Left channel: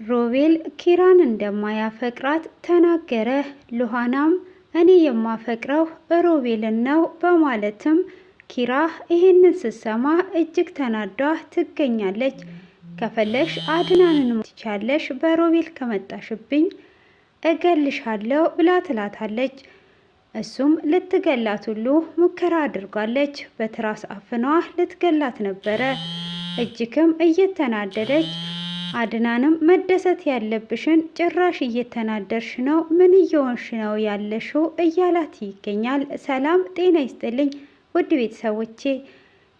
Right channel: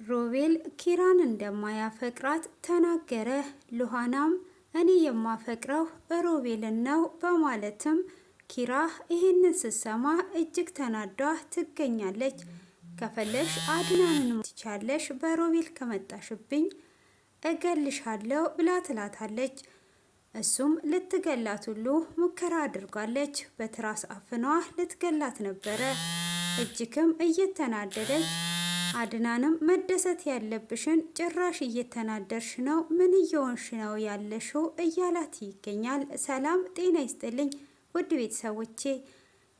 ሮቤል ኪራን እንደማያፈቅራት ተናገረ። ሉሃናም እኔ የማፈቅረው ሮቤልን ነው በማለትም ኪራ ይህንን ስትሰማ እጅግ ተናዳ ትገኛለች። ከፈለሽ አድናንን ትቻለሽ፣ በሮቤል ከመጣሽብኝ እገልሻለሁ ብላ ትላታለች። እሱም ልትገላት ሁሉ ሙከራ አድርጋለች። በትራስ አፍኗ ልትገላት ነበረ። እጅግም እየተናደደች አድናንም መደሰት ያለብሽን ጭራሽ እየተናደርሽ ነው፣ ምን እየሆንሽ ነው ያለሽው እያላት ይገኛል። ሰላም ጤና ይስጥልኝ ውድ ቤተሰቦቼ፣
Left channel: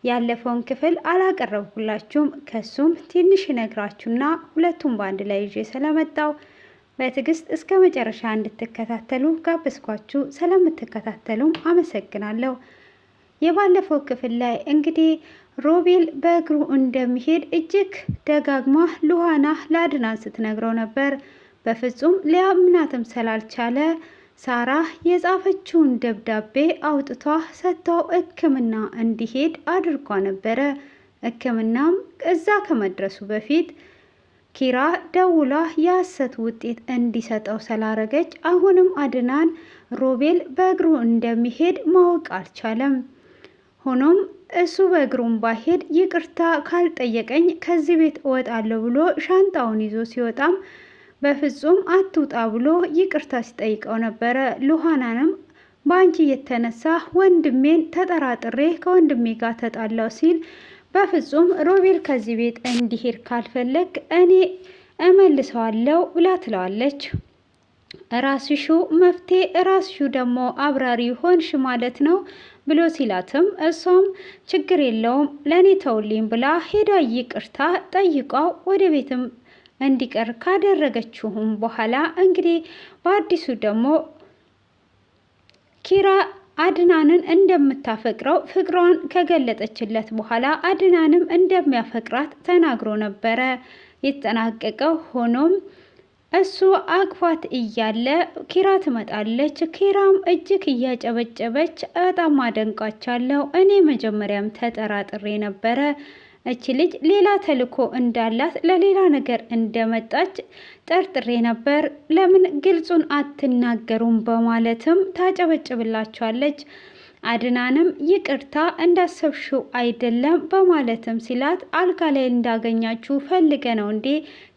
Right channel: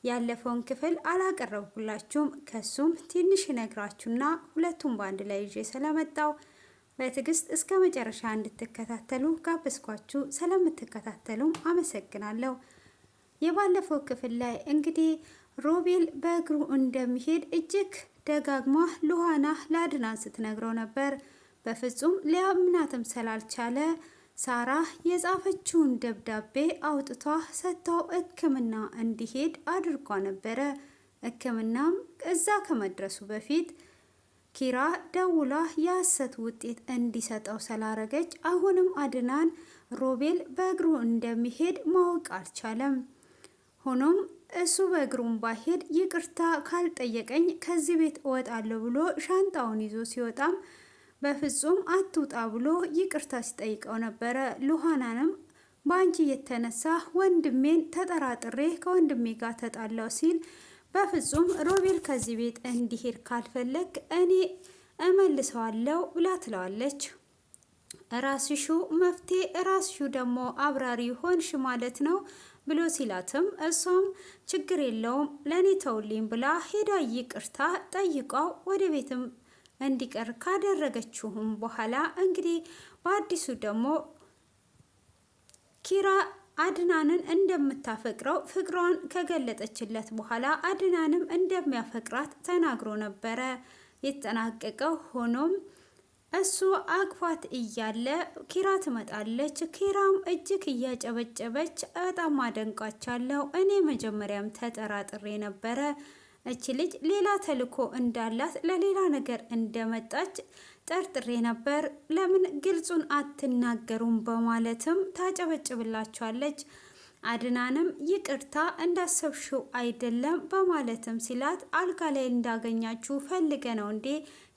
ያለፈውን ክፍል አላቀረብኩላችሁም። ከሱም ትንሽ ነግራችሁና ሁለቱም በአንድ ላይ ይዤ ስለመጣው በትዕግስት እስከ መጨረሻ እንድትከታተሉ ጋብዝኳችሁ። ስለምትከታተሉም አመሰግናለሁ። የባለፈው ክፍል ላይ እንግዲህ ሮቤል በእግሩ እንደሚሄድ እጅግ ደጋግማ ሉሃና ለአድናን ስትነግረው ነበር። በፍጹም ሊያምናትም ስላልቻለ ሳራ የጻፈችውን ደብዳቤ አውጥቷ ሰጥታው ሕክምና እንዲሄድ አድርጓ ነበረ። ሕክምናም እዛ ከመድረሱ በፊት ኪራ ደውላ የሐሰት ውጤት እንዲሰጠው ስላረገች አሁንም አድናን ሮቤል በእግሩ እንደሚሄድ ማወቅ አልቻለም። ሆኖም እሱ በእግሩም ባሄድ ይቅርታ ካልጠየቀኝ ከዚህ ቤት እወጣለሁ ብሎ ሻንጣውን ይዞ ሲወጣም በፍጹም አትውጣ ብሎ ይቅርታ ሲጠይቀው ነበረ። ሉሃናንም በአንቺ የተነሳ ወንድሜን ተጠራጥሬ ከወንድሜ ጋር ተጣላው ሲል በፍጹም ሮቤል ከዚህ ቤት እንዲሄድ ካልፈለግ እኔ እመልሰዋለሁ ብላ ትለዋለች። ራስሹ መፍትሄ ራስሹ ደግሞ አብራሪ ሆንሽ ማለት ነው ብሎ ሲላትም እሷም ችግር የለውም ለእኔ ተውልኝ ብላ ሄዳ ይቅርታ ጠይቃው ወደ ቤትም እንዲቀር ካደረገችውም በኋላ እንግዲህ በአዲሱ ደግሞ ኪራ አድናንን እንደምታፈቅረው ፍቅሯን ከገለጠችለት በኋላ አድናንም እንደሚያፈቅራት ተናግሮ ነበረ የተጠናቀቀው። ሆኖም እሱ አቅፏት እያለ ኪራ ትመጣለች። ኪራም እጅግ እያጨበጨበች በጣም አደንቃቻለሁ፣ እኔ መጀመሪያም ተጠራጥሬ ነበረ እቺ ልጅ ሌላ ተልኮ እንዳላት ለሌላ ነገር እንደመጣች ጠርጥሬ ነበር፣ ለምን ግልጹን አትናገሩም በማለትም ታጨበጭብላቸዋለች። አድናንም ይቅርታ እንዳሰብሽው አይደለም በማለትም ሲላት አልጋ ላይ እንዳገኛችሁ ፈልገ ነው እንዴ?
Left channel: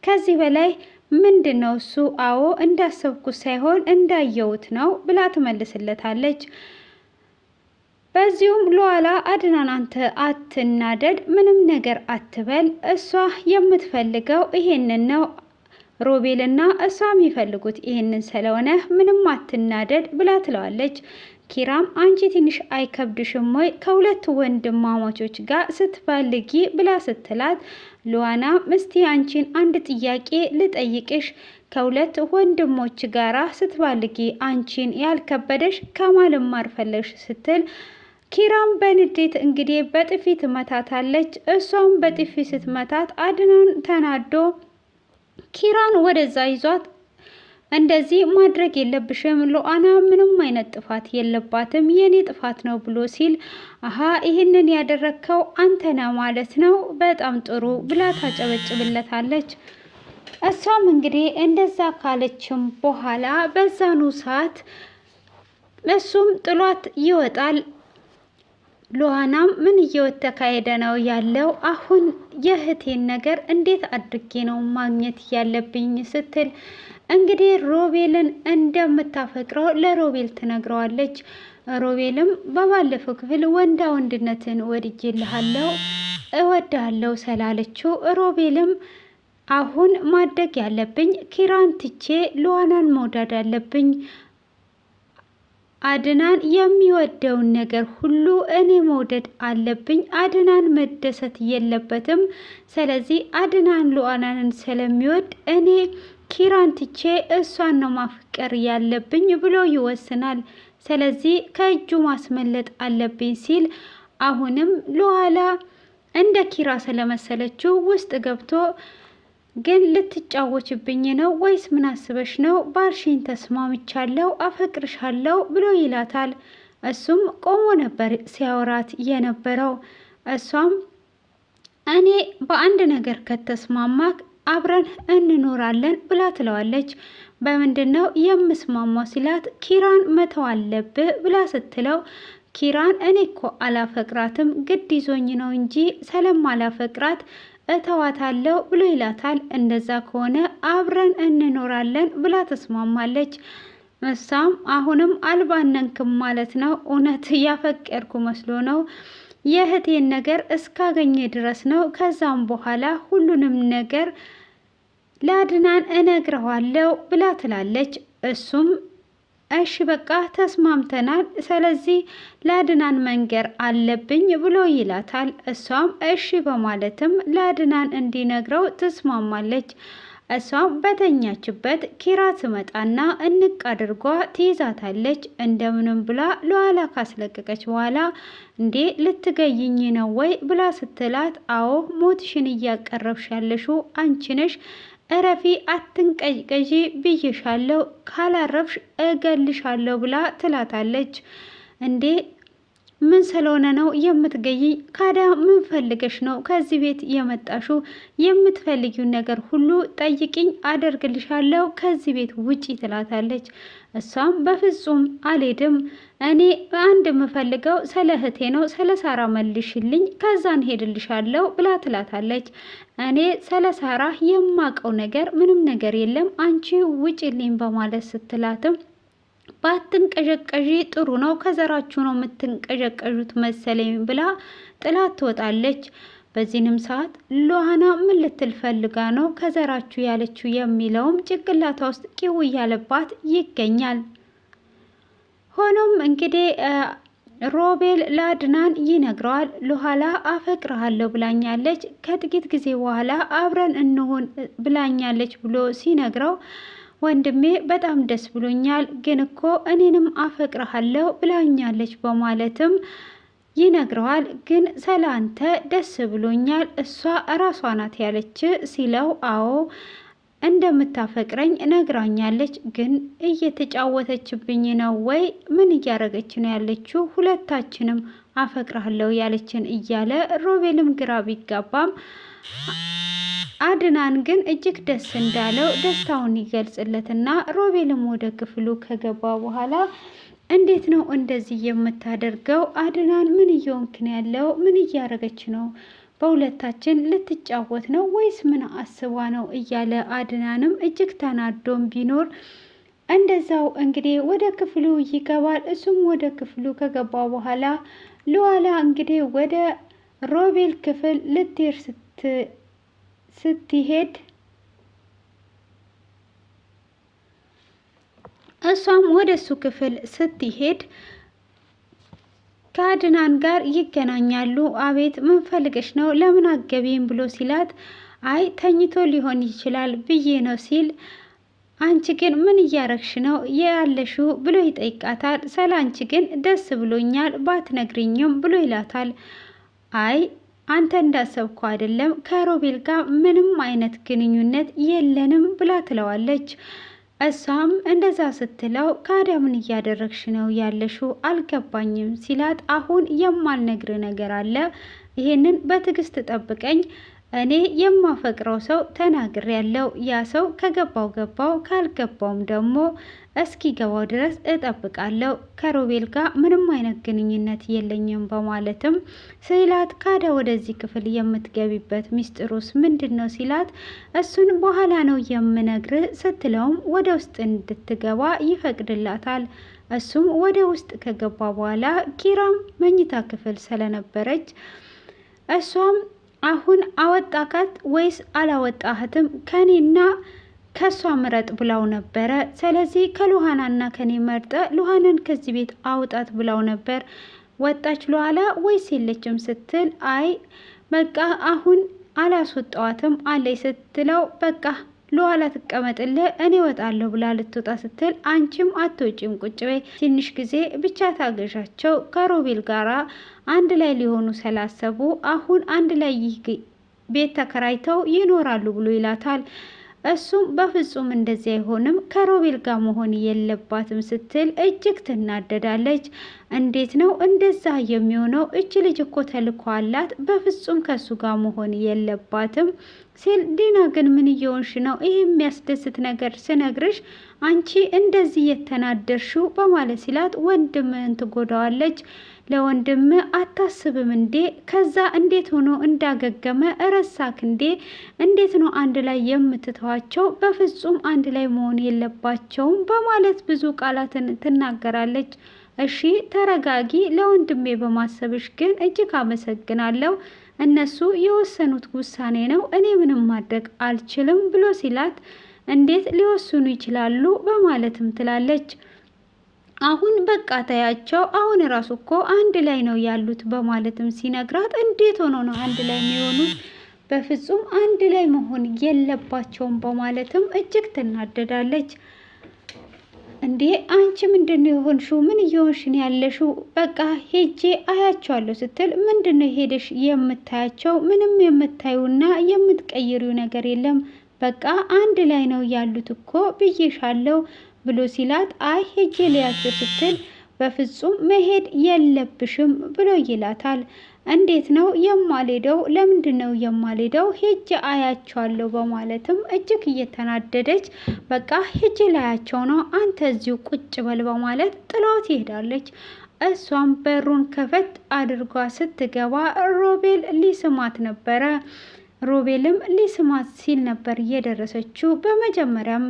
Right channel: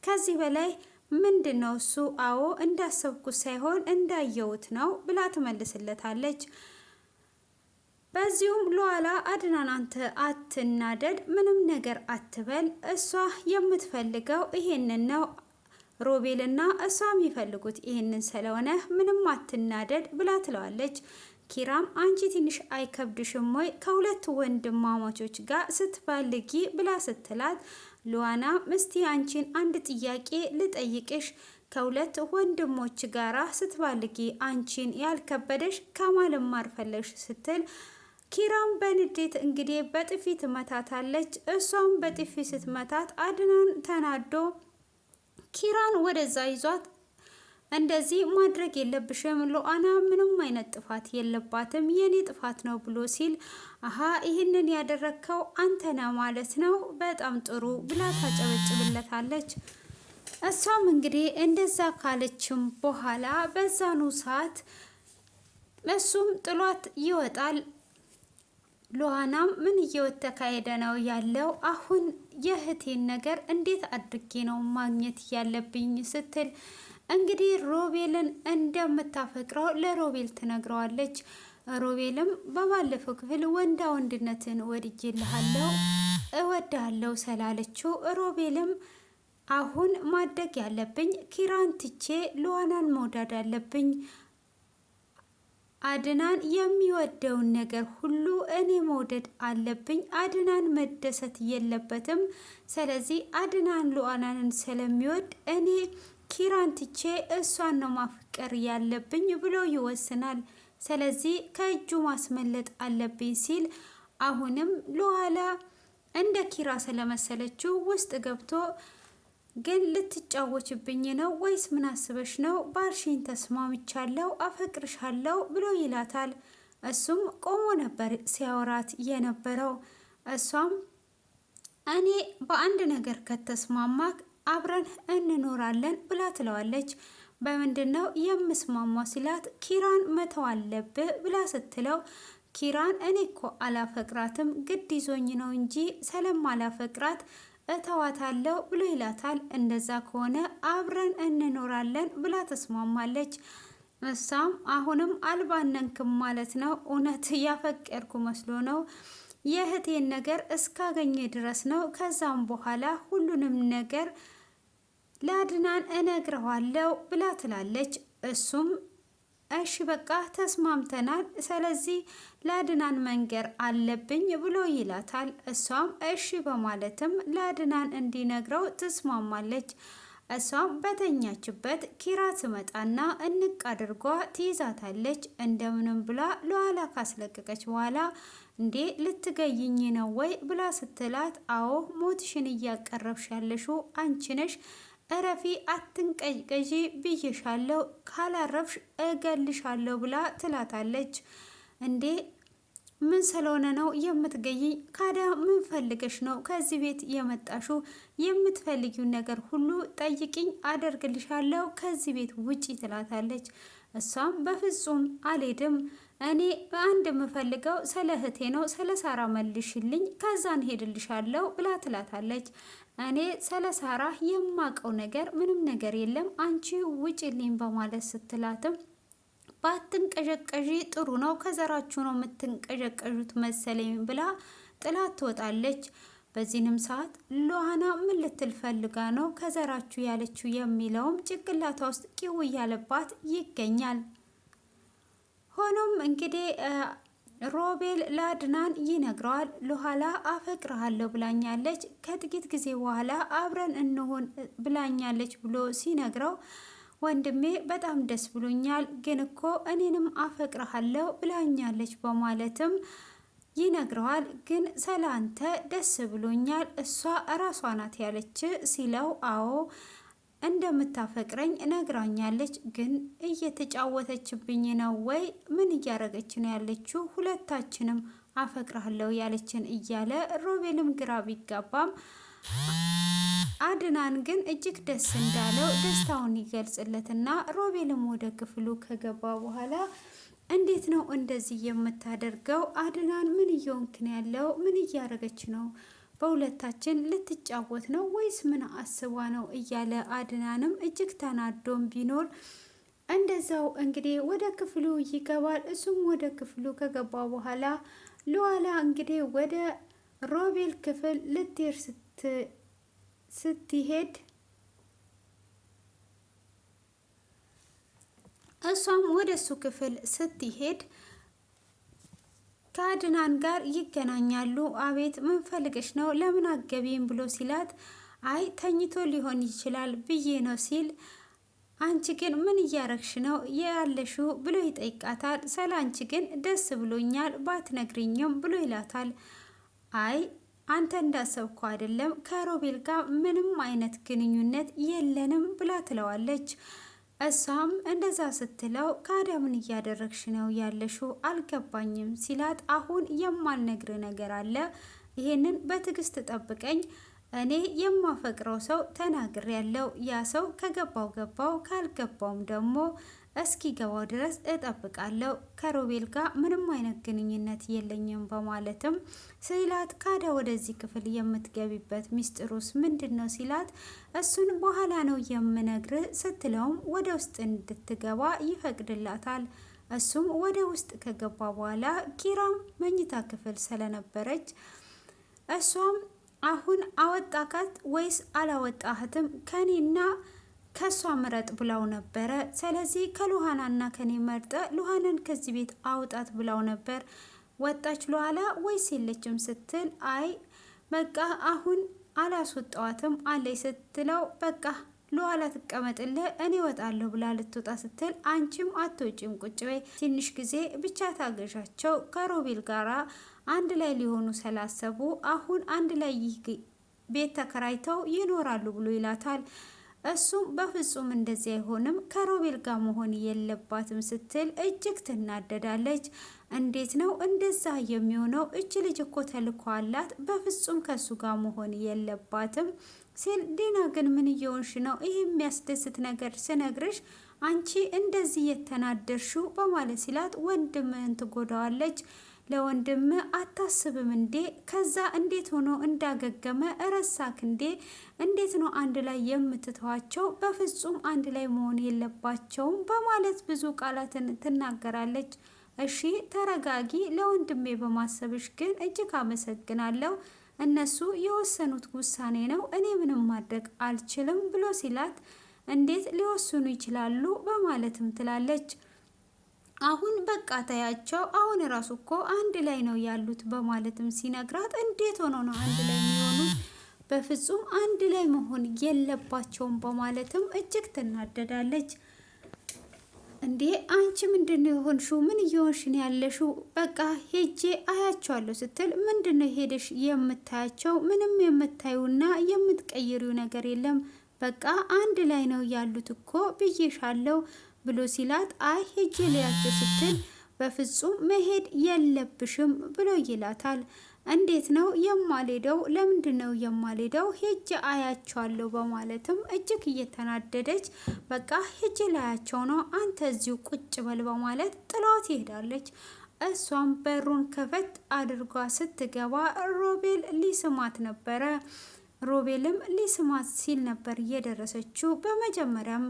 ከዚህ በላይ ምንድነው እሱ? አዎ እንዳሰብኩት ሳይሆን እንዳየሁት ነው ብላ ትመልስለታለች። በዚሁም ሉሃና አድናን አንተ አትናደድ፣ ምንም ነገር አትበል፣ እሷ የምትፈልገው ይሄንን ነው፣ ሮቤልና እሷ የሚፈልጉት ይሄንን ስለሆነ ምንም አትናደድ ብላ ትለዋለች። ኪራም አንቺ ትንሽ አይከብድሽም ወይ ከሁለት ወንድማማቾች ጋር ስትባልጊ ብላ ስትላት ሉሃና ምስቲ አንቺን አንድ ጥያቄ ልጠይቅሽ፣ ከሁለት ወንድሞች ጋራ ስትባልጊ አንቺን ያልከበደሽ ከማን መማር ፈለግሽ ስትል ኪራም በንዴት እንግዲህ በጥፊ ትመታታለች። እሷም በጥፊ ስትመታት አድናን ተናዶ ኪራን ወደዛ ይዟት እንደዚህ ማድረግ የለብሽም ሉሃና ምንም አይነት ጥፋት የለባትም የኔ ጥፋት ነው ብሎ ሲል አሀ ይህንን ያደረግከው አንተ ነህ ማለት ነው፣ በጣም ጥሩ ብላ ታጨበጭብለታለች። እሷም እንግዲህ እንደዛ ካለችም በኋላ በዛኑ ሰዓት እሱም ጥሏት ይወጣል። ሉሃናም ምን እየተካሄደ ነው ያለው? አሁን የእህቴን ነገር እንዴት አድርጌ ነው ማግኘት ያለብኝ ስትል እንግዲህ ሮቤልን እንደምታፈቅረው ለሮቤል ትነግረዋለች። ሮቤልም በባለፈው ክፍል ወንዳ ወንድነትን ወድጄልሃለሁ እወድሃለሁ ስላለችው ሮቤልም አሁን ማድረግ ያለብኝ ኪራን ትቼ ሉሃናን መውደድ አለብኝ፣ አድናን የሚወደውን ነገር ሁሉ እኔ መውደድ አለብኝ፣ አድናን መደሰት የለበትም፣ ስለዚህ አድናን ሉሃናን ስለሚወድ እኔ ኪራን ትቼ እሷን ነው ማፍቀር ያለብኝ ብሎ ይወስናል። ስለዚህ ከእጁ ማስመለጥ አለብኝ ሲል አሁንም ሉሃና እንደ ኪራ ስለመሰለችው ውስጥ ገብቶ ግን ልትጫወችብኝ ነው ወይስ ምን አስበሽ ነው? ባልሽኝ ተስማምቻለሁ፣ አፈቅርሻለሁ ብሎ ይላታል። እሱም ቆሞ ነበር ሲያወራት የነበረው። እሷም እኔ በአንድ ነገር ከተስማማክ አብረን እንኖራለን ብላ ትለዋለች። በምንድን ነው የምስማማው ሲላት ኪራን መተው አለብህ ብላ ስትለው ኪራን እኔ እኮ አላፈቅራትም ግድ ይዞኝ ነው እንጂ ስለማላፈቅራት እተዋታለሁ ብሎ ይላታል። እንደዛ ከሆነ አብረን እንኖራለን ብላ ተስማማለች። እሷም አሁንም አልባነንክም ማለት ነው፣ እውነት ያፈቀርኩ መስሎ ነው፣ የእህቴን ነገር እስካገኘ ድረስ ነው፣ ከዛም በኋላ ሁሉንም ነገር ለአድናን እነግረዋለሁ ብላ ትላለች። እሱም እሺ በቃ ተስማምተናል፣ ስለዚህ ለአድናን መንገር አለብኝ ብሎ ይላታል። እሷም እሺ በማለትም ለአድናን እንዲነግረው ትስማማለች። እሷም በተኛችበት ኪራ ትመጣና እንቅ አድርጓ ትይዛታለች። እንደምንም ብላ ለኋላ ካስለቀቀች በኋላ እንዴ ልትገይኝ ነው ወይ ብላ ስትላት አዎ ሞትሽን እያቀረብሽ ያለሽው አንቺ ነሽ፣ እረፊ አትንቀዥቀዢ ብዬሻለሁ፣ ካላረፍሽ እገልሻለሁ ብላ ትላታለች። እንዴ ምን ስለሆነ ነው የምትገይኝ? ካዳ ምን ፈልገሽ ነው ከዚህ ቤት የመጣሽው? የምትፈልጊውን ነገር ሁሉ ጠይቅኝ አደርግልሻለሁ፣ ከዚህ ቤት ውጪ ትላታለች። እሷም በፍጹም አልሄድም፣ እኔ አንድ የምፈልገው ስለ እህቴ ነው፣ ስለ ሳራ መልሽልኝ፣ ከዛን ሄድልሻለሁ ብላ ትላታለች። እኔ ስለ ሳራ የማቀው ነገር ምንም ነገር የለም፣ አንቺ ውጪልኝ በማለት ስትላትም ባትንቀዠቀዢ ጥሩ ነው፣ ከዘራችሁ ነው የምትንቀዠቀዡት መሰለኝ ብላ ጥላት ትወጣለች። በዚህንም ሰዓት ሉሃና ምን ልትል ፈልጋ ነው ከዘራችሁ ያለችው የሚለውም ጭንቅላቷ ውስጥ ቂው እያለባት ይገኛል። ሆኖም እንግዲህ ሮቤል ለአድናን ይነግረዋል። ሉሃላ አፈቅርሃለሁ ብላኛለች፣ ከጥቂት ጊዜ በኋላ አብረን እንሆን ብላኛለች ብሎ ሲነግረው ወንድሜ በጣም ደስ ብሎኛል፣ ግን እኮ እኔንም አፈቅርሃለሁ ብላኛለች በማለትም ይነግረዋል። ግን ስለ አንተ ደስ ብሎኛል፣ እሷ እራሷ ናት ያለች ሲለው አዎ እንደምታፈቅረኝ ነግራኛለች፣ ግን እየተጫወተችብኝ ነው ወይ ምን እያረገች ነው ያለችው? ሁለታችንም አፈቅርሃለሁ ያለችን እያለ ሮቤልም ግራ ቢጋባም አድናን ግን እጅግ ደስ እንዳለው ደስታውን ይገልጽለትና ሮቤልም ወደ ክፍሉ ከገባ በኋላ እንዴት ነው እንደዚህ የምታደርገው? አድናን ምን እየሆንክ ነው ያለው? ምን እያረገች ነው? በሁለታችን ልትጫወት ነው ወይስ ምን አስባ ነው? እያለ አድናንም እጅግ ተናዶም ቢኖር እንደዛው እንግዲህ ወደ ክፍሉ ይገባል። እሱም ወደ ክፍሉ ከገባ በኋላ ሉሃላ እንግዲህ ወደ ሮቤል ክፍል ልትሄድ ስትሄድ እሷም ወደ እሱ ክፍል ስትሄድ ከአድናን ጋር ይገናኛሉ። አቤት ምን ፈልገሽ ነው? ለምን አገቢም ብሎ ሲላት አይ ተኝቶ ሊሆን ይችላል ብዬ ነው ሲል አንቺ ግን ምን እያረግሽ ነው ያለሽው ብሎ ይጠይቃታል። ስለ አንቺ ግን ደስ ብሎኛል ባትነግሪኝም ብሎ ይላታል። አይ አንተ እንዳሰብኩ አይደለም፣ ከሮቤል ጋር ምንም አይነት ግንኙነት የለንም ብላ ትለዋለች። እሷም እንደዛ ስትለው ካዲያ ምን እያደረግሽ ነው ያለሽው? አልገባኝም ሲላት አሁን የማልነግር ነገር አለ፣ ይሄንን በትዕግስት ጠብቀኝ፣ እኔ የማፈቅረው ሰው ተናግር ያለው ያ ሰው ከገባው ገባው፣ ካልገባውም ደግሞ እስኪ ገባው ድረስ እጠብቃለሁ፣ ከሮቤል ጋር ምንም አይነት ግንኙነት የለኝም በማለትም ሲላት ካዳ ወደዚህ ክፍል የምትገቢበት ሚስጥሩስ ምንድን ነው ሲላት እሱን በኋላ ነው የምነግር ስትለውም ወደ ውስጥ እንድትገባ ይፈቅድላታል። እሱም ወደ ውስጥ ከገባ በኋላ ኪራም መኝታ ክፍል ስለነበረች እሷም አሁን አወጣካት ወይስ አላወጣህትም? ከኔና ከሷ ምረጥ ብላው ነበረ። ስለዚህ ከሉሃናና ከኔ መርጠ ሉሃናን ከዚህ ቤት አውጣት ብላው ነበር። ወጣች ሉሃላ ወይስ የለችም ስትል አይ በቃ አሁን አላስወጣዋትም አለይ ስትለው በቃ ሉሃላ ትቀመጥልህ እኔ ወጣለሁ ብላ ልትወጣ ስትል አንቺም አትወጪም ቁጭ በይ ትንሽ ጊዜ ብቻ ታገዣቸው ከሮቤል ጋራ አንድ ላይ ሊሆኑ ስላሰቡ አሁን አንድ ላይ ይህ ቤት ተከራይተው ይኖራሉ ብሎ ይላታል። እሱም በፍጹም እንደዚህ አይሆንም ከሮቤል ጋር መሆን የለባትም ስትል እጅግ ትናደዳለች። እንዴት ነው እንደዛ የሚሆነው? እች ልጅ እኮ ተልኮ አላት፣ በፍጹም ከሱ ጋር መሆን የለባትም ሲል ዲና ግን ምን እየሆንሽ ነው? ይህ የሚያስደስት ነገር ስነግርሽ አንቺ እንደዚህ የተናደርሽው በማለት ሲላት ወንድምህን ትጎዳዋለች፣ ለወንድም አታስብም እንዴ? ከዛ እንዴት ሆኖ እንዳገገመ እረሳክ እንዴ? እንዴት ነው አንድ ላይ የምትተዋቸው? በፍጹም አንድ ላይ መሆን የለባቸውም በማለት ብዙ ቃላትን ትናገራለች። እሺ ተረጋጊ፣ ለወንድሜ በማሰብሽ ግን እጅግ አመሰግናለሁ። እነሱ የወሰኑት ውሳኔ ነው፣ እኔ ምንም ማድረግ አልችልም ብሎ ሲላት እንዴት ሊወስኑ ይችላሉ በማለትም ትላለች። አሁን በቃ ታያቸው፣ አሁን ራሱ እኮ አንድ ላይ ነው ያሉት በማለትም ሲነግራት እንዴት ሆኖ ነው አንድ ላይ የሚሆኑት? በፍጹም አንድ ላይ መሆን የለባቸውም በማለትም እጅግ ትናደዳለች። እንዴ አንቺ ምንድነው የሆንሽው? ምን እየሆንሽን ያለሽው? በቃ ሄጄ አያቸዋለሁ ስትል ምንድነው ሄደሽ የምታያቸው? ምንም የምታዩና የምትቀይሪው ነገር የለም። በቃ አንድ ላይ ነው ያሉት እኮ ብዬሻለሁ ብሎ ሲላት አይ ሄጄ ልያቸው ስትል በፍጹም መሄድ የለብሽም ብሎ ይላታል። እንዴት ነው የማልሄደው? ለምንድን ነው የማልሄደው? ሄጄ አያቸዋለሁ በማለትም እጅግ እየተናደደች በቃ ሄጄ ላያቸው ነው፣ አንተ እዚሁ ቁጭ በል በማለት ጥላው ትሄዳለች። እሷም በሩን ከፈት አድርጓ ስትገባ ሮቤል ሊስማት ነበረ። ሮቤልም ሊስማት ሲል ነበር እየደረሰችው። በመጀመሪያም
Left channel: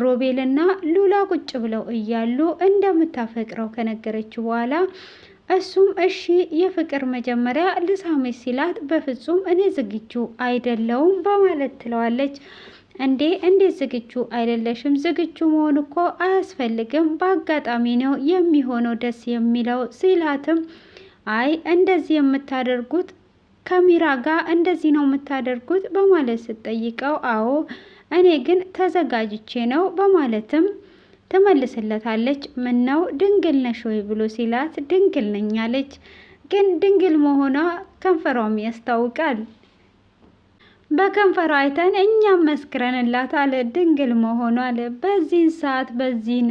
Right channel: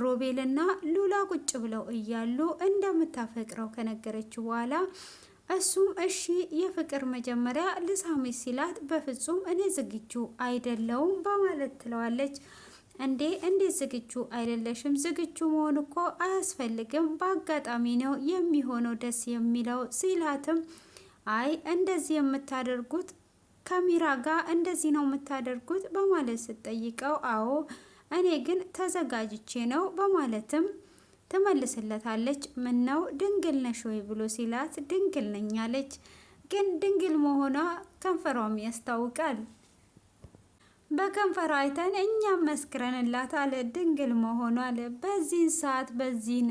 ሮቤልና ሉላ ቁጭ ብለው እያሉ እንደምታፈቅረው ከነገረችው በኋላ እሱም እሺ የፍቅር መጀመሪያ ልሳሜ ሲላት በፍጹም እኔ ዝግጁ አይደለውም በማለት ትለዋለች። እንዴት ዝግጁ አይደለሽም? ዝግጁ መሆን እኮ አያስፈልግም፣ በአጋጣሚ ነው የሚሆነው ደስ የሚለው ሲላትም አይ እንደዚህ የምታደርጉት ከሚራ ጋር እንደዚህ ነው የምታደርጉት በማለት ስትጠይቀው አዎ እኔ ግን ተዘጋጅቼ ነው በማለትም ትመልስለታለች። ምን ነው ድንግል ነሽ ወይ ብሎ ሲላት ድንግል ነኝ አለች። ግን ድንግል መሆኗ ከንፈሯም ያስታውቃል። በከንፈሯ አይተን እኛም መስክረንላታል ድንግል መሆኗ አለ። በዚህን ሰዓት በዚህን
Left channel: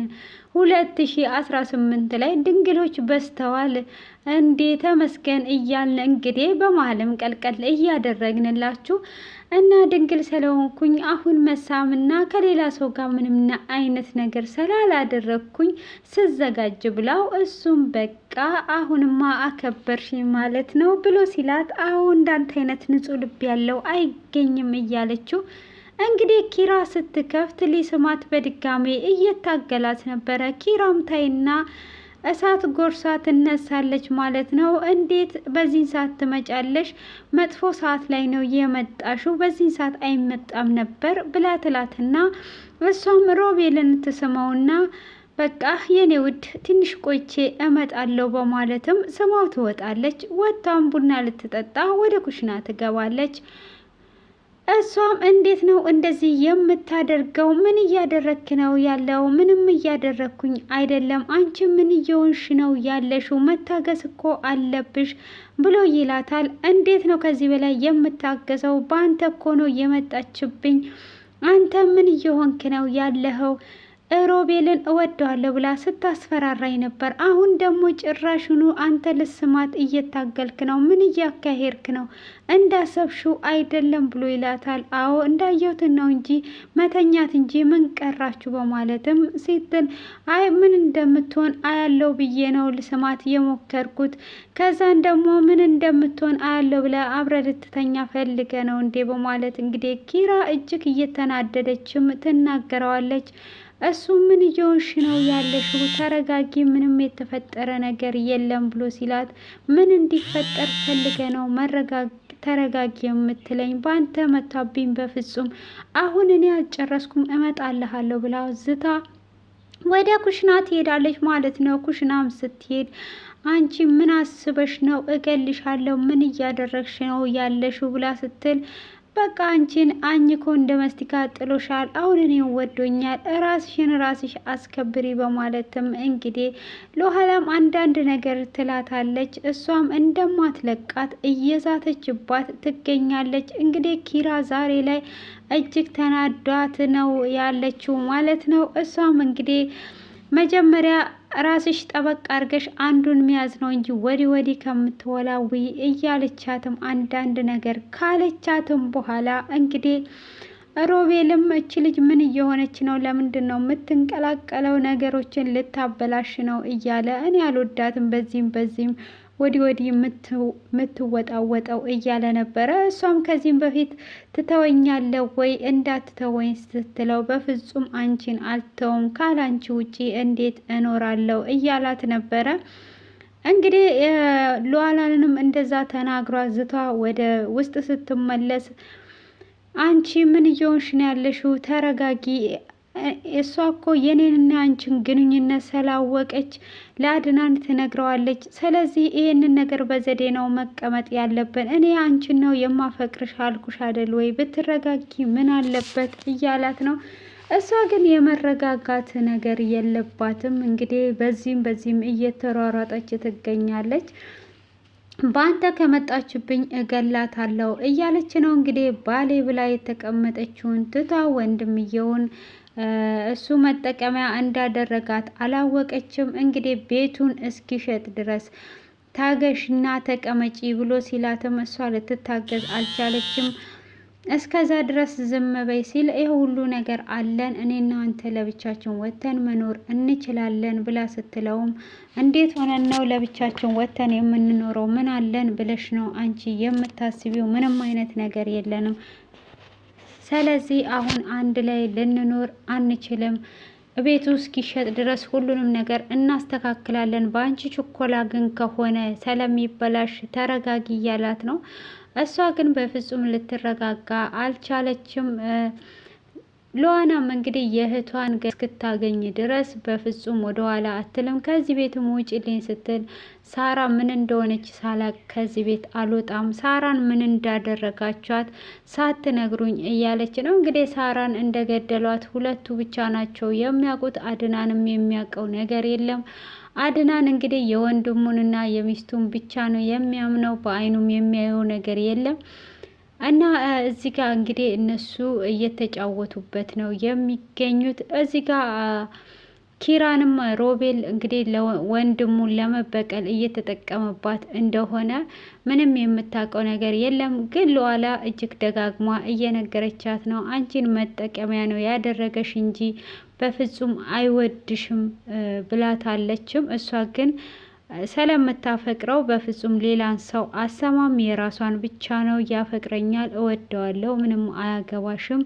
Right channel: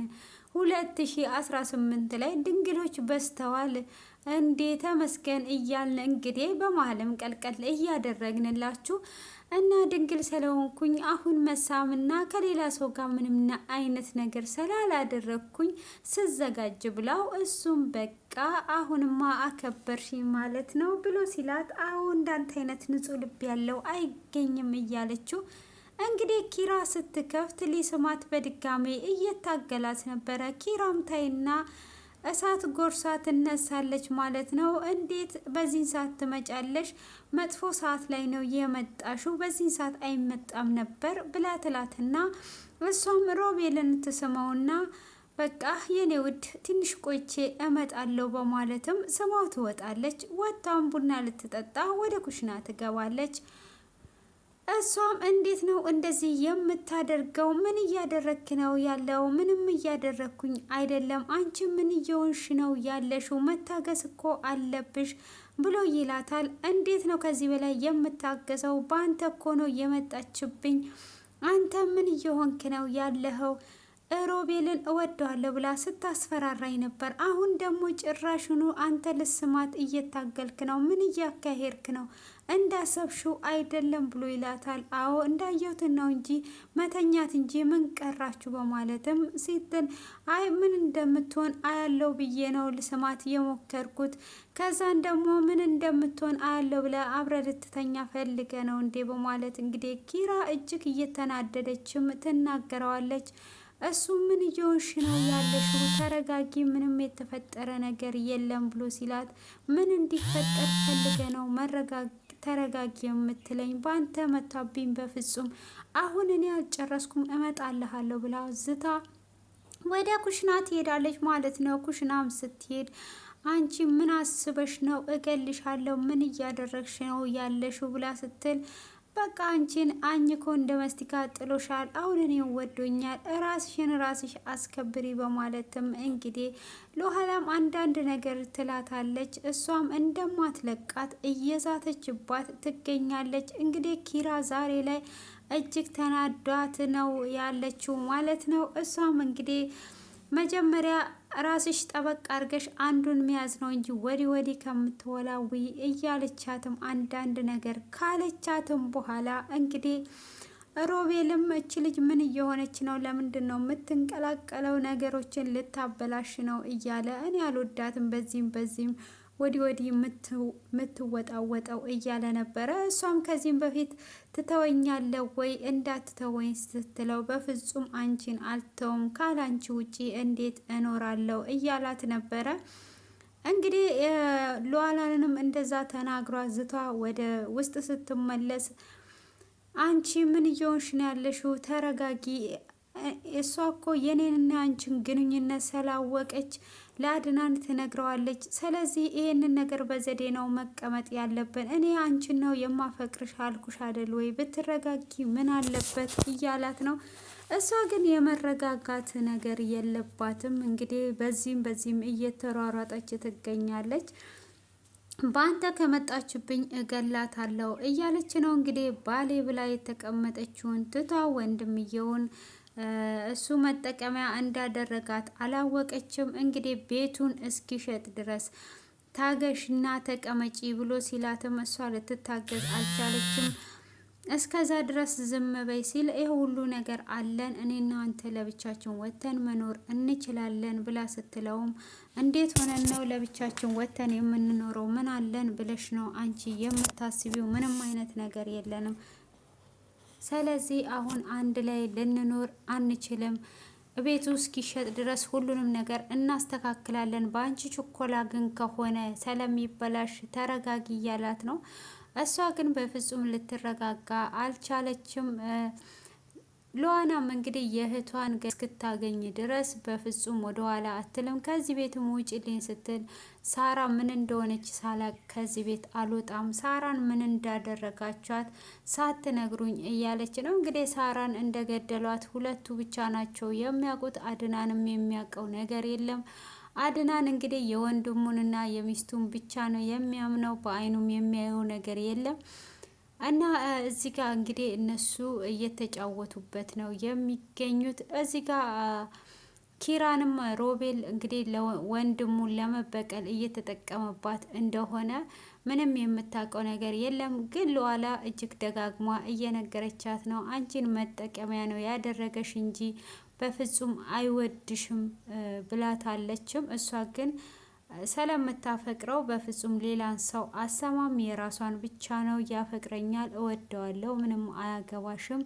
2018 ላይ ድንግሎች በዝተዋል። እንዴ ተመስገን እያልን እንግዲህ በመሀልም ቀልቀል እያደረግንላችሁ እና ድንግል ስለሆንኩኝ አሁን መሳምና ከሌላ ሰው ጋር ምንም አይነት ነገር ስላላደረግኩኝ ስዘጋጅ ብላው እሱም በቃ አሁንማ አከበርሽኝ ማለት ነው ብሎ ሲላት አሁን እንዳንተ አይነት ንጹሕ ልብ ያለው አይገኝም እያለችው እንግዲህ ኪራ ስትከፍት ሊስማት በድጋሜ እየታገላት ነበረ። ኪራም ታይና እሳት ጎርሳ ትነሳለች ማለት ነው። እንዴት በዚህ ሰዓት ትመጫለሽ? መጥፎ ሰዓት ላይ ነው የመጣሽው፣ በዚህ ሰዓት አይመጣም ነበር ብላ ትላትና እሷም ሮቤልን ትስመውና በቃ የኔ ውድ ትንሽ ቆይቼ እመጣለሁ በማለትም ስማው ትወጣለች። ወጣም ቡና ልትጠጣ ወደ ኩሽና ትገባለች። እሷም እንዴት ነው እንደዚህ የምታደርገው? ምን እያደረክ ነው ያለው? ምንም እያደረግኩኝ አይደለም። አንቺ ምን እየሆንሽ ነው ያለሽው? መታገስ እኮ አለብሽ ብሎ ይላታል። እንዴት ነው ከዚህ በላይ የምታገሰው? በአንተ እኮ ነው የመጣችብኝ። አንተ ምን እየሆንክ ነው ያለኸው? ሮቤልን እወደዋለሁ ብላ ስታስፈራራኝ ነበር። አሁን ደግሞ ጭራሽኑ አንተ ልስማት እየታገልክ ነው። ምን እያካሄድክ ነው? እንዳሰብሽው አይደለም ብሎ ይላታል። አዎ እንዳየሁትን ነው እንጂ መተኛት እንጂ ምን ቀራችሁ በማለትም ስትል አይ ምን እንደምትሆን አያለው ብዬ ነው ልስማት የሞከርኩት። ከዛን ደግሞ ምን እንደምትሆን አያለው ብለ አብረ ልትተኛ ፈልገ ነው እንዴ በማለት እንግዲህ ኪራ እጅግ እየተናደደችም ትናገረዋለች። እሱ ምን እየሆንሽ ነው ያለሽው? ተረጋጊ፣ ምንም የተፈጠረ ነገር የለም ብሎ ሲላት ምን እንዲፈጠር ፈልገ ነው ተረጋጊ የምትለኝ? በአንተ መታብኝ። በፍጹም አሁን እኔ አልጨረስኩም እመጣልሃለሁ ብላ ዝታ ወደ ኩሽና ትሄዳለች ማለት ነው። ኩሽናም ስትሄድ አንቺ ምን አስበሽ ነው? እገልሻለሁ፣ ምን እያደረግሽ ነው ያለሽው ብላ ስትል በቃ አንቺን አኝኮ እንደ መስቲካ ጥሎሻል። አሁን እኔ ወዶኛል፣ ራስሽ አስከብሪ በማለትም እንግዲህ ለኋላም አንዳንድ ነገር ትላታለች። እሷም እንደማትለቃት እየዛተችባት ትገኛለች። እንግዲህ ኪራ ዛሬ ላይ እጅግ ተናዷት ነው ያለችው ማለት ነው። እሷም እንግዲህ መጀመሪያ ራስሽ ጠበቅ አድርገሽ አንዱን መያዝ ነው እንጂ ወዲህ ከምትወላዊ እያለቻትም አንዳንድ ነገር ካለቻትም በኋላ እንግዲህ ሮቤልም እች ልጅ ምን እየሆነች ነው? ለምንድን ነው የምትንቀላቀለው? ነገሮችን ልታበላሽ ነው እያለ እኔ አልወዳትም በዚህም ወዲህ የምትወጣወጠው እያለ ነበረ። እሷም ከዚህም በፊት ትተወኛለ ወይ እንዳትተወኝ ስትለው በፍጹም አንቺን አልተውም፣ ካላንቺ ውጪ እንዴት እኖራለሁ እያላት ነበረ። እንግዲህ ሉዓላንም እንደዛ ተናግሯ ዝቷ ወደ ውስጥ ስትመለስ አንቺ ምን እየሆንሽ ነው ያለሽው? ተረጋጊ። እሷ እኮ የኔንና አንቺን ግንኙነት ስላወቀች ለአድናን ትነግረዋለች። ስለዚህ ይሄንን ነገር በዘዴ ነው መቀመጥ ያለብን። እኔ አንቺን ነው የማፈቅርሽ አልኩሽ አደል ወይ? ብትረጋጊ ምን አለበት እያላት ነው። እሷ ግን የመረጋጋት ነገር የለባትም። እንግዲህ በዚህም እየተሯሯጠች ትገኛለች። በአንተ ከመጣችብኝ እገላታለሁ እያለች ነው እንግዲህ ባሌ ብላ የተቀመጠችውን ትታ ወንድምየውን እሱ መጠቀሚያ እንዳደረጋት አላወቀችም። እንግዲህ ቤቱን እስኪሸጥ ድረስ ታገሽና ተቀመጪ ብሎ ሲላትም እሷ ልትታገዝ አልቻለችም። እስከዛ ድረስ ዝም በይ ሲል ይህ ሁሉ ነገር አለን እኔና አንተ ለብቻችን ወተን መኖር እንችላለን ብላ ስትለውም እንዴት ሆነን ነው ለብቻችን ወተን የምንኖረው? ምን አለን ብለሽ ነው አንቺ የምታስቢው? ምንም አይነት ነገር የለንም። ስለዚህ አሁን አንድ ላይ ልንኖር አንችልም። ቤቱ እስኪሸጥ ድረስ ሁሉንም ነገር እናስተካክላለን። በአንቺ ችኮላ ግን ከሆነ ስለሚበላሽ ተረጋጊ እያላት ነው። እሷ ግን በፍጹም ልትረጋጋ አልቻለችም። ሉዓላም እንግዲህ የእህቷን እስክታገኝ ድረስ በፍጹም ወደኋላ አትልም። ከዚህ ቤትም ውጭልኝ ስትል ሳራ ምን እንደሆነች ሳላቅ ከዚህ ቤት አልወጣም፣ ሳራን ምን እንዳደረጋቿት ሳትነግሩኝ እያለች ነው። እንግዲህ ሳራን እንደገደሏት ሁለቱ ብቻ ናቸው የሚያውቁት። አድናንም የሚያውቀው ነገር የለም። አድናን እንግዲህ የወንድሙንና የሚስቱን ብቻ ነው የሚያምነው። በአይኑም የሚያየው ነገር የለም። እና እዚህ ጋር እንግዲህ እነሱ እየተጫወቱበት ነው የሚገኙት። እዚህ ጋር ኪራንም ሮቤል እንግዲህ ወንድሙን ለመበቀል እየተጠቀመባት እንደሆነ ምንም የምታውቀው ነገር የለም። ግን ሉዓላ እጅግ ደጋግማ እየነገረቻት ነው። አንቺን መጠቀሚያ ነው ያደረገሽ እንጂ በፍጹም አይወድሽም ብላታለችም። እሷ ግን ስለምታፈቅረው በፍጹም ሌላን ሰው አሰማም፣ የራሷን ብቻ ነው። ያፈቅረኛል፣ እወደዋለሁ፣ ምንም አያገባሽም፣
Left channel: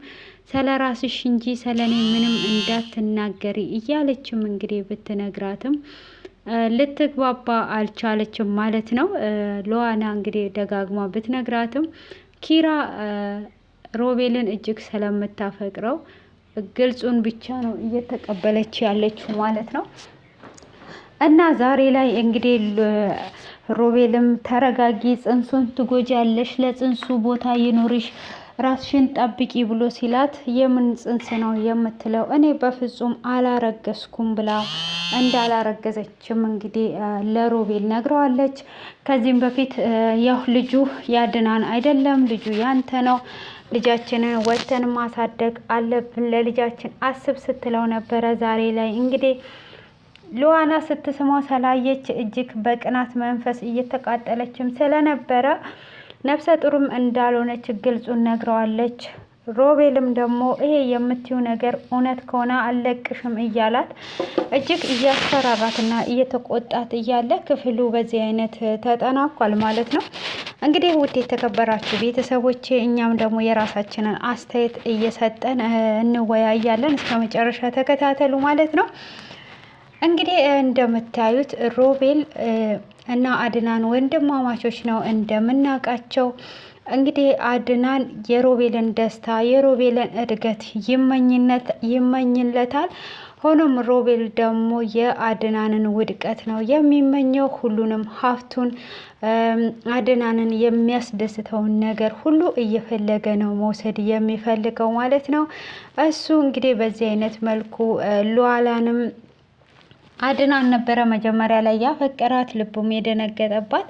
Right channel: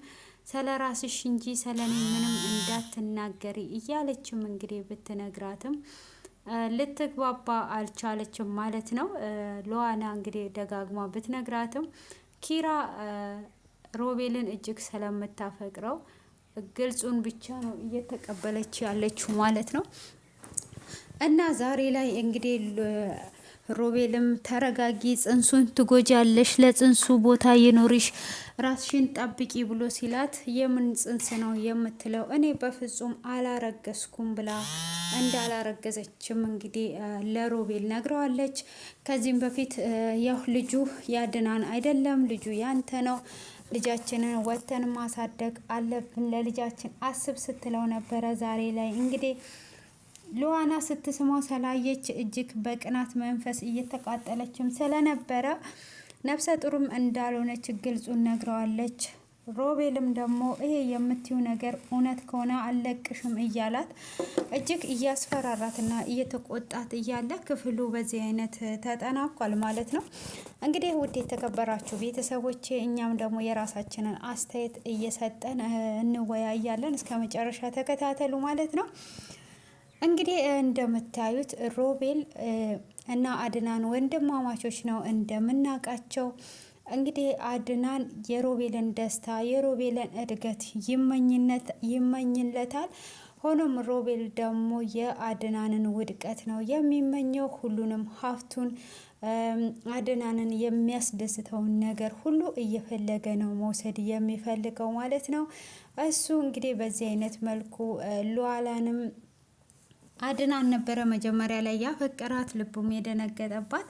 ስለ ራስሽ እንጂ ስለ እኔ ምንም እንዳትናገሪ እያለችም እንግዲህ ብትነግራትም ልትግባባ አልቻለችም ማለት ነው። ሉዓላ እንግዲህ ደጋግማ ብትነግራትም ኪራ ሮቤልን እጅግ ስለምታፈቅረው ግልጹን ብቻ ነው እየተቀበለች ያለችው ማለት ነው። እና ዛሬ ላይ እንግዲህ ሮቤልም ተረጋጊ፣ ጽንሱን ትጎጃለሽ፣ ለጽንሱ ቦታ ይኖርሽ፣ ራስሽን ጠብቂ ብሎ ሲላት የምን ጽንስ ነው የምትለው? እኔ በፍጹም አላረገዝኩም ብላ እንዳላረገዘችም እንግዲህ ለሮቤል ነግረዋለች። ከዚህም በፊት ያው ልጁ ያድናን አይደለም፣ ልጁ ያንተ ነው፣ ልጃችንን ወተን ማሳደግ አለብን፣ ለልጃችን አስብ ስትለው ነበረ። ዛሬ ላይ እንግዲህ ሉዓላ ስትስማው ስላየች እጅግ በቅናት መንፈስ እየተቃጠለችም ስለነበረ ነፍሰ ጡርም እንዳልሆነች ግልጹን ነግረዋለች። ሮቤልም ደግሞ ይሄ የምትዩ ነገር እውነት ከሆነ አልለቅሽም እያላት እጅግ እያስፈራራትና እየተቆጣት እያለ ክፍሉ በዚህ አይነት ተጠናቋል ማለት ነው። እንግዲህ ውድ የተከበራችሁ ቤተሰቦቼ እኛም ደግሞ የራሳችንን አስተያየት እየሰጠን እንወያያለን። እስከ መጨረሻ ተከታተሉ ማለት ነው። እንግዲህ እንደምታዩት ሮቤል እና አድናን ወንድማማቾች ነው እንደምናውቃቸው። እንግዲህ አድናን የሮቤልን ደስታ የሮቤልን እድገት ይመኝለታል። ሆኖም ሮቤል ደግሞ የአድናንን ውድቀት ነው የሚመኘው። ሁሉንም ሀብቱን አድናንን የሚያስደስተውን ነገር ሁሉ እየፈለገ ነው መውሰድ የሚፈልገው ማለት ነው። እሱ እንግዲህ በዚህ አይነት መልኩ ሉዓላንም አድናን ነበረ መጀመሪያ ላይ ያፈቀራት ልቡም የደነገጠባት።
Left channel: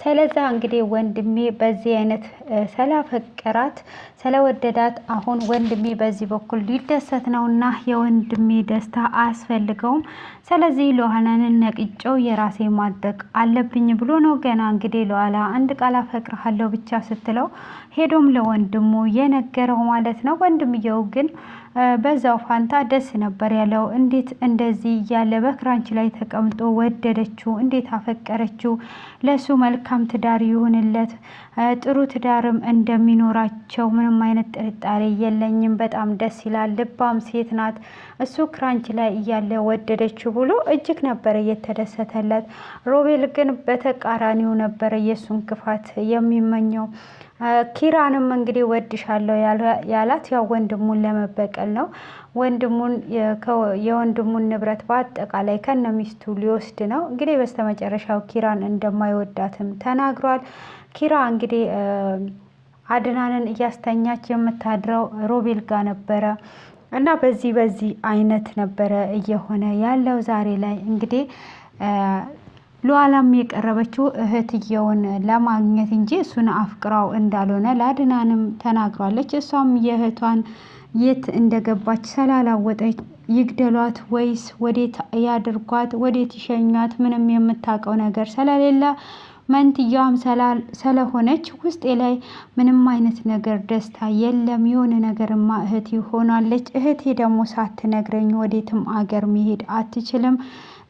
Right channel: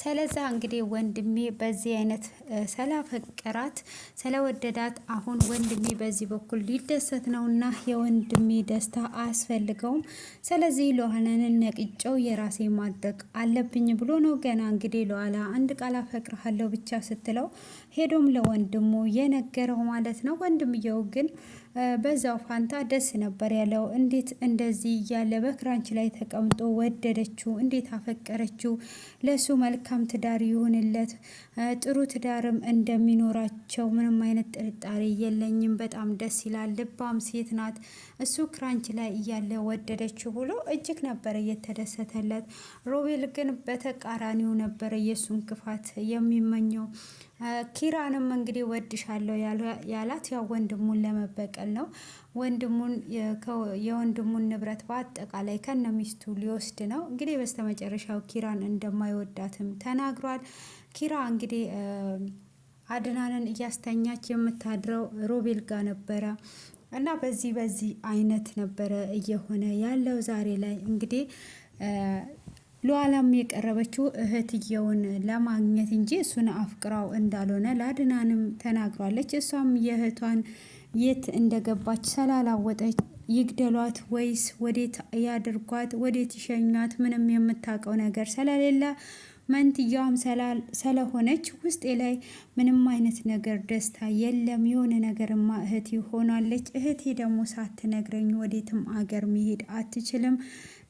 ስለዛ እንግዲህ ወንድሜ በዚህ አይነት ስላፈቀራት ስለወደዳት አሁን ወንድሜ በዚህ በኩል ሊደሰት ነውና የወንድሜ ደስታ አያስፈልገውም። ስለዚህ ሉዓላንን ነቅጨው የራሴ ማድረግ አለብኝ ብሎ ነው ገና እንግዲህ ሉዓላ አንድ ቃል አፈቅርሃለሁ ብቻ ስትለው ሄዶም ለወንድሙ የነገረው ማለት ነው። ወንድምየው ግን በዛው ፋንታ ደስ ነበር ያለው። እንዴት እንደዚህ እያለ በክራንች ላይ ተቀምጦ ወደደችው፣ እንዴት አፈቀረችው፣ ለሱ መልካም ትዳር ይሁንለት፣ ጥሩ ትዳርም እንደሚኖራቸው ምንም አይነት ጥርጣሬ የለኝም፣ በጣም ደስ ይላል፣ ልባም ሴት ናት፣ እሱ ክራንች ላይ እያለ ወደደችው ብሎ እጅግ ነበር እየተደሰተለት። ሮቤል ግን በተቃራኒው ነበረ የእሱን ክፋት የሚመኘው። ኪራንም እንግዲህ ወድሻለሁ ያላት ያው ወንድሙን ለመበቀል ነው። ወንድሙን የወንድሙን ንብረት በአጠቃላይ ከነ ሚስቱ ሊወስድ ነው። እንግዲህ በስተመጨረሻው ኪራን እንደማይወዳትም ተናግሯል። ኪራ እንግዲህ አድናንን እያስተኛች የምታድረው ሮቤል ጋር ነበረ እና በዚህ አይነት ነበረ እየሆነ ያለው ዛሬ ላይ እንግዲህ ሉዓላም የቀረበችው እህትየውን ለማግኘት እንጂ እሱን አፍቅራው እንዳልሆነ ለአድናንም ተናግሯለች። እሷም የእህቷን የት እንደገባች ስላላወጠች ይግደሏት ወይስ ወዴት ያድርጓት፣ ወዴት ይሸኟት ምንም የምታውቀው ነገር ስለሌለ መንትያዋም ስለሆነች ውስጤ ላይ ምንም አይነት ነገር ደስታ የለም። የሆነ ነገርማ እህቴ ሆናለች። እህቴ ደግሞ ሳትነግረኝ ወዴትም አገር መሄድ አትችልም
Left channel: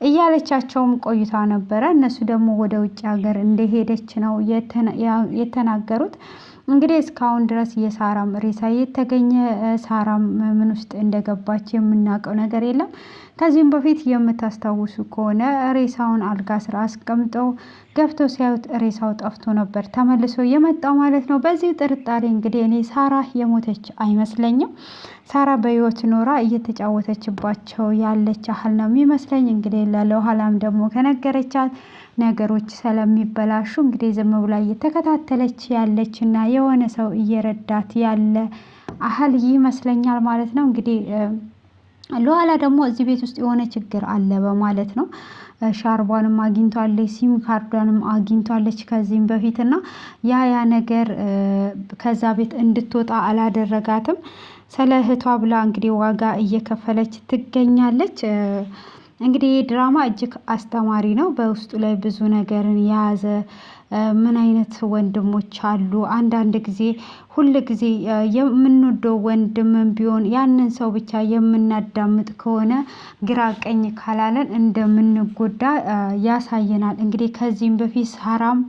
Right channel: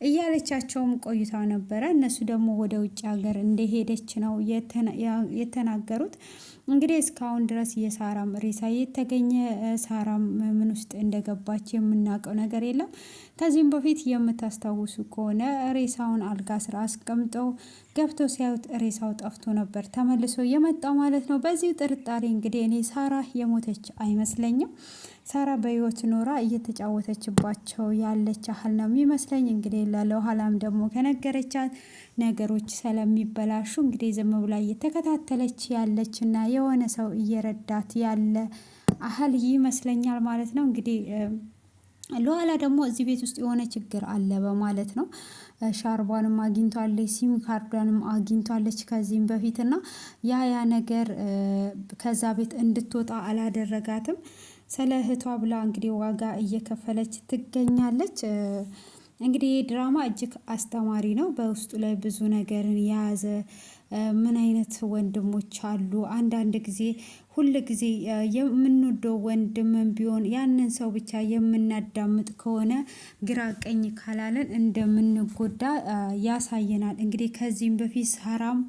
እያለቻቸውም ቆይታ ነበረ። እነሱ ደግሞ ወደ ውጭ ሀገር እንደሄደች ነው የተናገሩት። እንግዲህ እስካሁን ድረስ የሳራም ሬሳ የተገኘ ሳራም ምን ውስጥ እንደገባች የምናውቀው ነገር የለም። ከዚህም በፊት የምታስታውሱ ከሆነ ሬሳውን አልጋ ስራ አስቀምጠው ገብተው ሲያዩት ሬሳው ጠፍቶ ነበር ተመልሶ የመጣው ማለት ነው። በዚህ ጥርጣሬ እንግዲህ እኔ ሳራ የሞተች አይመስለኝም። ሳራ በህይወት ኖራ እየተጫወተችባቸው ያለች ያህል ነው የሚመስለኝ። እንግዲህ ለኋላም ደግሞ ከነገረቻት ነገሮች ስለሚበላሹ እንግዲህ ዝም ብላ እየተከታተለች ያለች እና የሆነ ሰው እየረዳት ያለ አህል ይመስለኛል ማለት ነው። እንግዲህ ሉዓላ ደግሞ እዚህ ቤት ውስጥ የሆነ ችግር አለ በማለት ነው። ሻርቧንም አግኝቷለች፣ ሲም ካርዷንም አግኝቷለች ከዚህም በፊት እና ያ ነገር ከዛ ቤት እንድትወጣ አላደረጋትም። ስለ እህቷ ብላ እንግዲህ ዋጋ እየከፈለች ትገኛለች። እንግዲህ ድራማ እጅግ አስተማሪ ነው። በውስጡ ላይ ብዙ ነገርን የያዘ ምን አይነት ወንድሞች አሉ። አንዳንድ ጊዜ ሁል ጊዜ የምንወደው ወንድምን ቢሆን ያንን ሰው ብቻ የምናዳምጥ ከሆነ ግራ ቀኝ ካላለን እንደምንጎዳ ያሳየናል። እንግዲህ ከዚህም በፊት ሳራም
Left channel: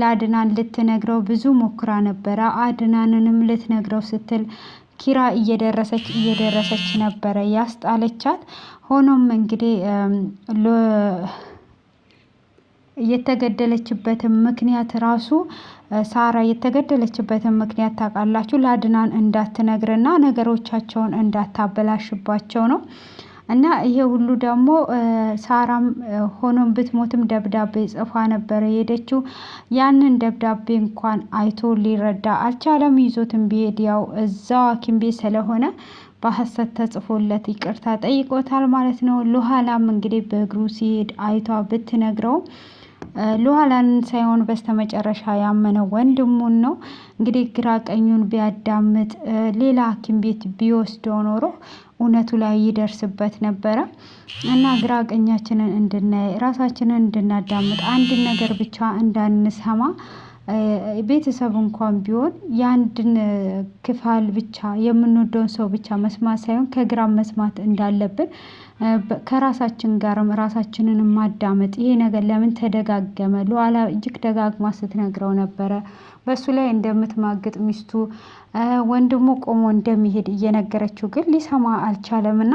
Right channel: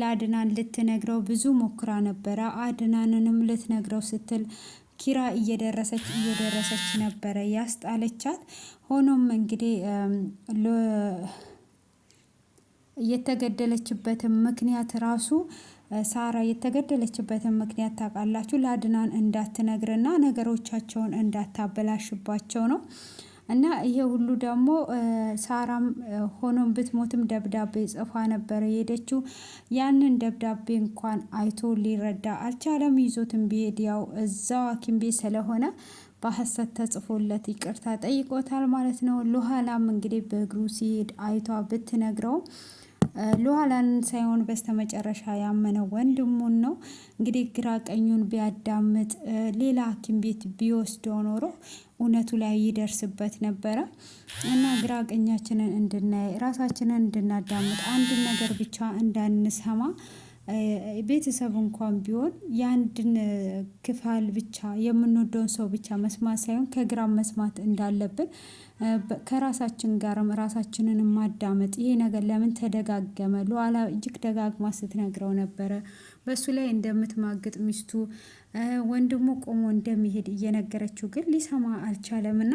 ለአድናን ልትነግረው ብዙ ሞክራ ነበረ። አድናንንም ልትነግረው ስትል ኪራ እየደረሰች ነበረ ያስጣለቻት። ሆኖም እንግዲህ የተገደለችበትን ምክንያት ራሱ ሳራ የተገደለችበትን ምክንያት ታውቃላችሁ? ለአድናን እንዳትነግርና ነገሮቻቸውን እንዳታበላሽባቸው ነው። እና ይሄ ሁሉ ደግሞ ሳራም ሆኖም ብትሞትም ደብዳቤ ጽፋ ነበረ የሄደችው። ያንን ደብዳቤ እንኳን አይቶ ሊረዳ አልቻለም። ይዞትን ቢሄድ ያው እዛው ሐኪም ቤት ስለሆነ በሐሰት ተጽፎለት ይቅርታ ጠይቆታል ማለት ነው። ሉዓላም እንግዲህ በእግሩ ሲሄድ አይቷ ብትነግረው ሉዓላን ሳይሆን በስተመጨረሻ ያመነው ወንድሙን ነው። እንግዲህ ግራ ቀኙን ቢያዳምጥ ሌላ ሐኪም ቤት ቢወስደው ኖሮ እውነቱ ላይ ይደርስበት ነበረ እና ግራ ቀኛችንን እንድናይ ራሳችንን እንድናዳምጥ አንድን ነገር ብቻ እንዳንሰማ ቤተሰብ እንኳን ቢሆን የአንድን ክፋል ብቻ የምንወደውን ሰው ብቻ መስማት ሳይሆን ከግራም መስማት እንዳለብን ከራሳችን ጋርም ራሳችንን ማዳመጥ። ይሄ ነገር ለምን ተደጋገመ? ሉዓላ እጅግ ደጋግማ ስትነግረው ነበረ። በሱ ላይ እንደምትማግጥ ሚስቱ ወንድሙ ቆሞ እንደሚሄድ እየነገረችው ግን ሊሰማ አልቻለም። እና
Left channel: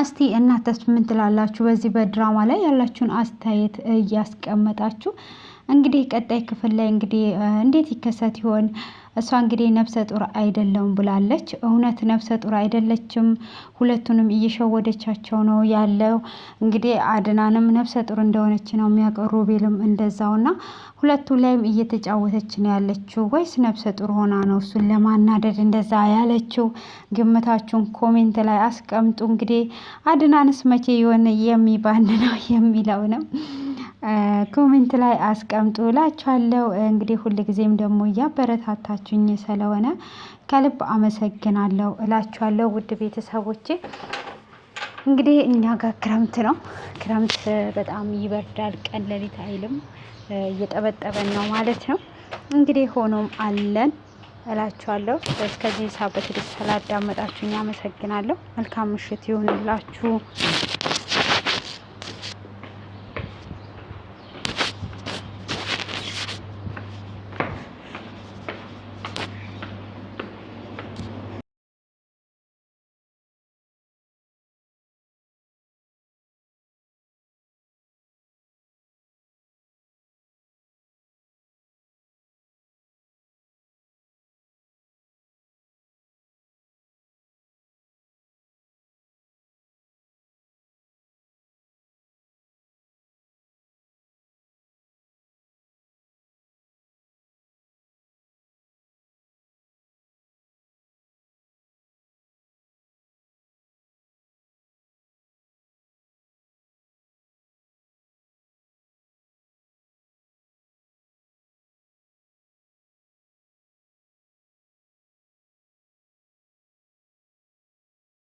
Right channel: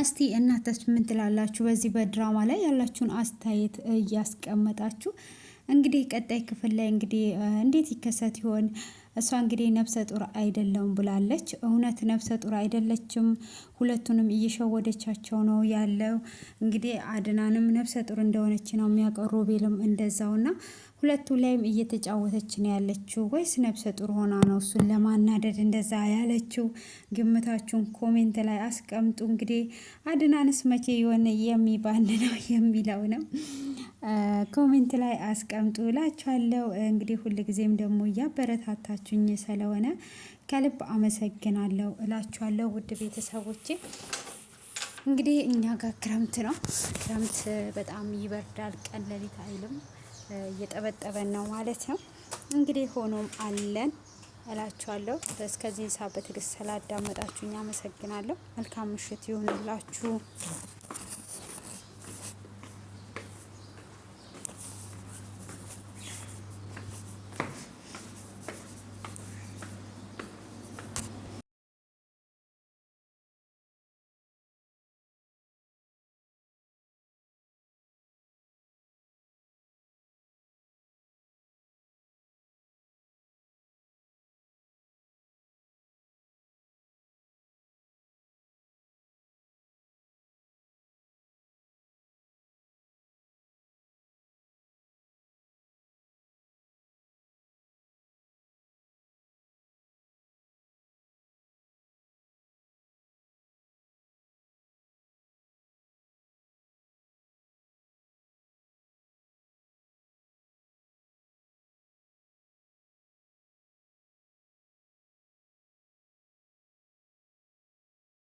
እስቲ እናንተስ ምን ትላላችሁ? በዚህ በድራማ ላይ ያላችሁን አስተያየት እያስቀመጣችሁ እንግዲህ ቀጣይ ክፍል ላይ እንግዲህ እንዴት ይከሰት ይሆን? እሷ እንግዲህ ነፍሰ ጡር አይደለውም ብላለች። እውነት ነፍሰ ጡር አይደለችም። ሁለቱንም እየሸወደቻቸው ነው ያለው። እንግዲህ አድናንም ነፍሰ ጡር እንደሆነች ነው የሚያውቀው፣ ሮቤልም እንደዛውና ሁለቱ ላይም እየተጫወተች ነው ያለችው። ወይስ ነፍሰ ጡር ሆና ነው እሱን ለማናደድ እንደዛ ያለችው? ግምታችሁን ኮሜንት ላይ አስቀምጡ። እንግዲህ አድናንስ መቼ የሆነ የሚባን ነው የሚለው ነው ኮሜንት ላይ አስቀምጡ እላችኋለሁ። እንግዲህ ሁልጊዜም ደግሞ እያበረታታችሁኝ ስለሆነ ከልብ አመሰግናለሁ እላችኋለሁ። ውድ ቤተሰቦቼ እንግዲህ እኛ ጋር ክረምት ነው። ክረምት በጣም ይበርዳል። ቀን ሌሊት አይልም፣ እየጠበጠበን ነው ማለት ነው። እንግዲህ ሆኖም አለን እላችኋለሁ። እስከዚህ ሰዓት በትዕግስት ስላዳመጣችሁኝ አመሰግናለሁ። መልካም ምሽት ይሁንላችሁ።